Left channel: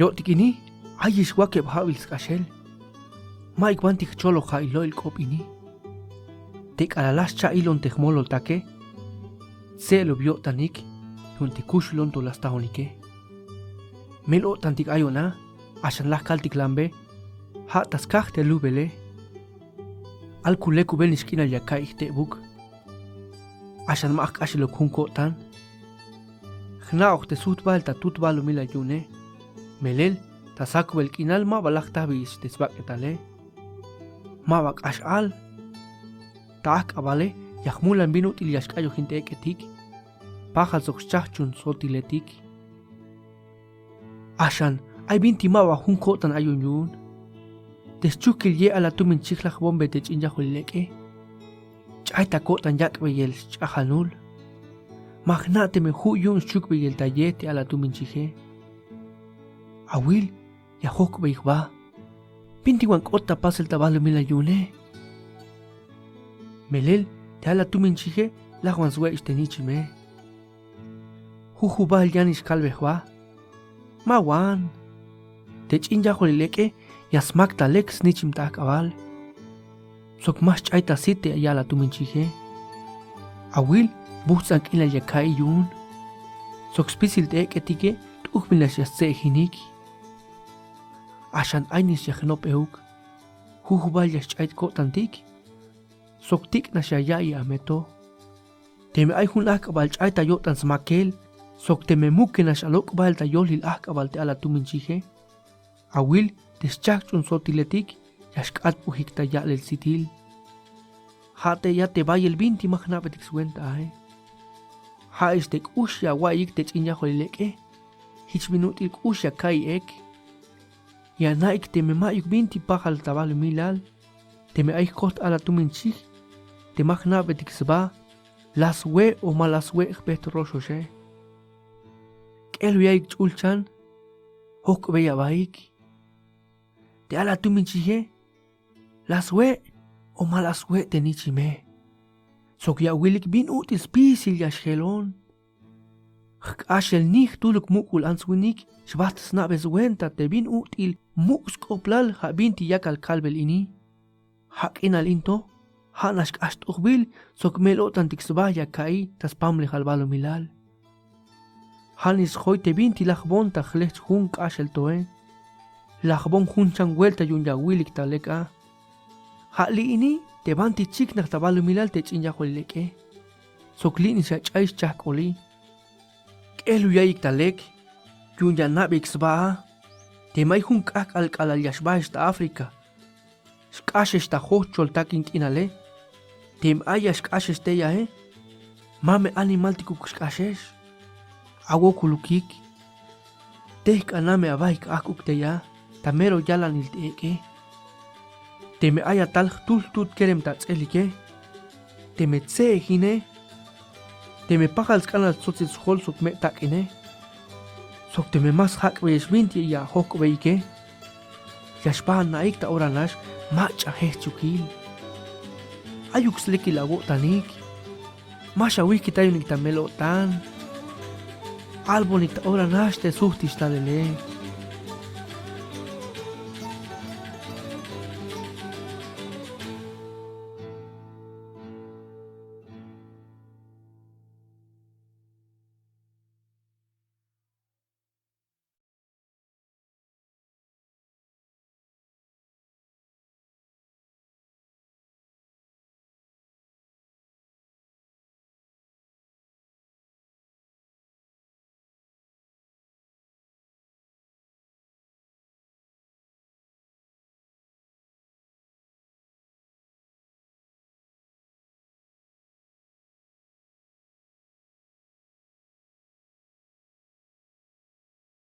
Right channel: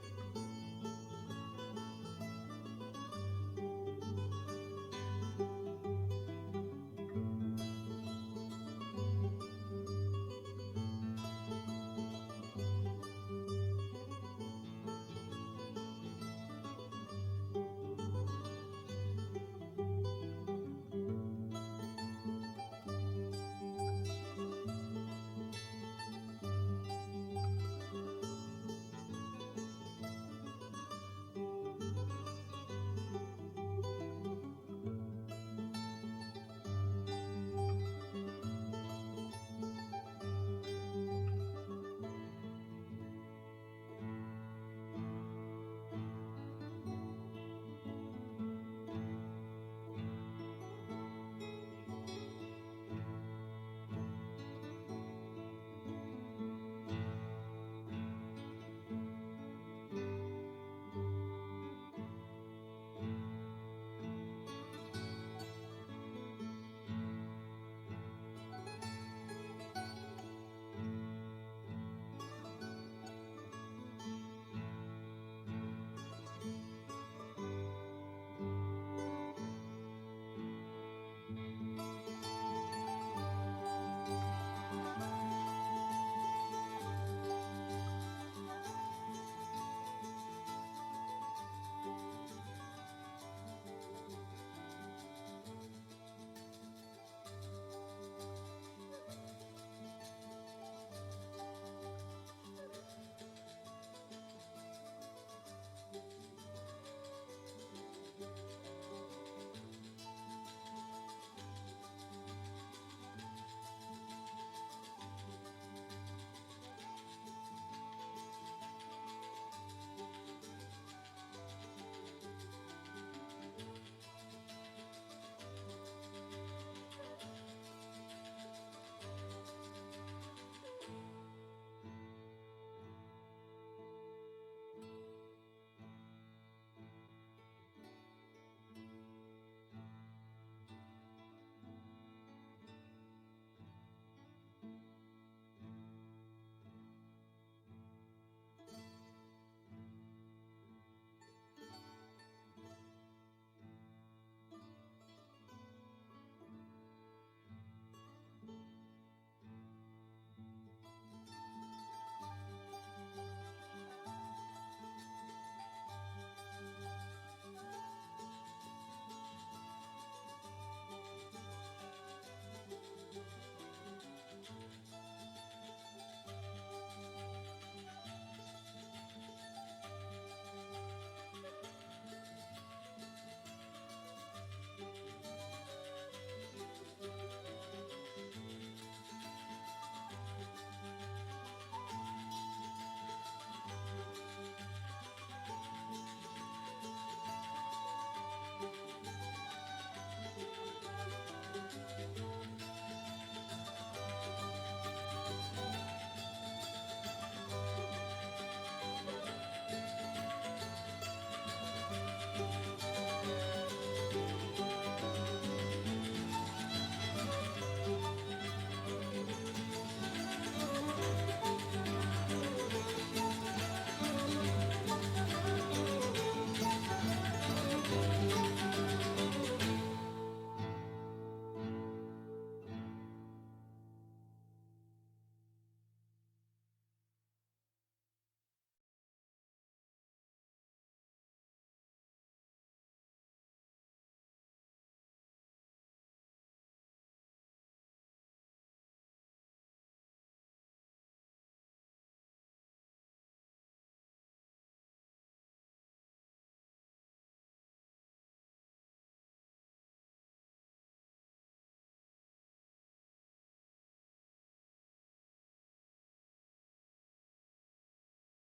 Yo tikini, ayis wake bhavils kashel. Mike wantik cholo ha ilo il kopini. Tek alalas cha ilon tehmolo take. Se lo vio tanik, juntikush lon to las tahonike. Melo tantik ayona, ashan las kaltik lambe, ha taskach te lubele. Al kuleku bel niskina yakai te buk. Ashan maak ashelo kunko tan. Gnaoch te sutbal ta tutbal mila yune. Melel, tasak bel kinal ma balak tabis desbak etale. Ma bak ashal. Taak abale, yahmulan binut il yashkayo hinte eketik. Paja zokchachun sotiletik. Ashan, ay binti ma wa hunko tan ayun yun. Deschukil ye ala tumin chikhlach bombe te chinjahuleke. Chay takotan yakbeyel chahanul. Magnate me huyun chukbeyel tayete ala tumin chije. Awil, ya hokbeyba. Pinti wan kota pasel tabalo mila yune. Melel, te ala tumin chije, la wan zwe istenichime. Hujubal yanis kalbehwa. Mawan. Te chinjahuleke. Yasmak talek snichim ta akabal. Sok mas chaita site ayala tuminchije. Awil butzak ila yakai yun. Sok spisil te eketike tukmilas yasce hinik. Ashan ainis yahnop euk. Hujubal yaschait kotantik. Sok tik na shayai ameto. Teme ay hun akabal chaita yotan smakel. Sok teme muke na shalok bal ta yolil akabal te ala tuminchije. Awil deschachun sotiletik, yashkat pujikta ya el sitil. Hate ya te vaya el binti magnabetik suenta Ha estek usya waik te chinya holileke. Hich minutil usya kai ek. Ya naik te me mayuk binti pahal tabal milal. Te me aik kot ala tuminchik. Te magnabetik sba. Las we o malas we bet rososhe. Elu yaik chulchan. Hok beya baik. Te ala tuminchije, las we o malas we te nichime. Sok ya wilik bin util spisil ya shelon. Ashel nich tuluk mukul answinik, shbat snabes wenta te bin util muskoplal ha binti yakal kalbel ini. Hak inal into, hanash ashtubil, sok melotan tiksbaya kai, tas pamle halbalo milal. Hanis hoite binti lachbonta chlech hunk ashel toen. Lajbon hunchan vuelta yun ya wilik taleka. Hali ini te banti chik na tabalo milal te chinya holileke. Soklini sa chais chakoli. Elu yaik talek. Yun ya nabik sba. Te may hunkak al kalal yashba esta Afrika. Shkash esta hochol takin kinale. Tem aya shkash este ya Mame animal tikuk shkashesh. Awo kulukik. Tek aname abaik akuk te ya. Tamero yalan ilteke. Teme aya tal tut kerem tatselike. Teme tse hine. Teme pajal skanal sotzit hol sok me takine. Sok teme mas hak wees winti ya hok weike. Yashpan naik ta oranash macha hechukil. Ayuk sleki la tanik. Masha wiki tayo tamelo tan. Albonik ta oranash te suhtis talele.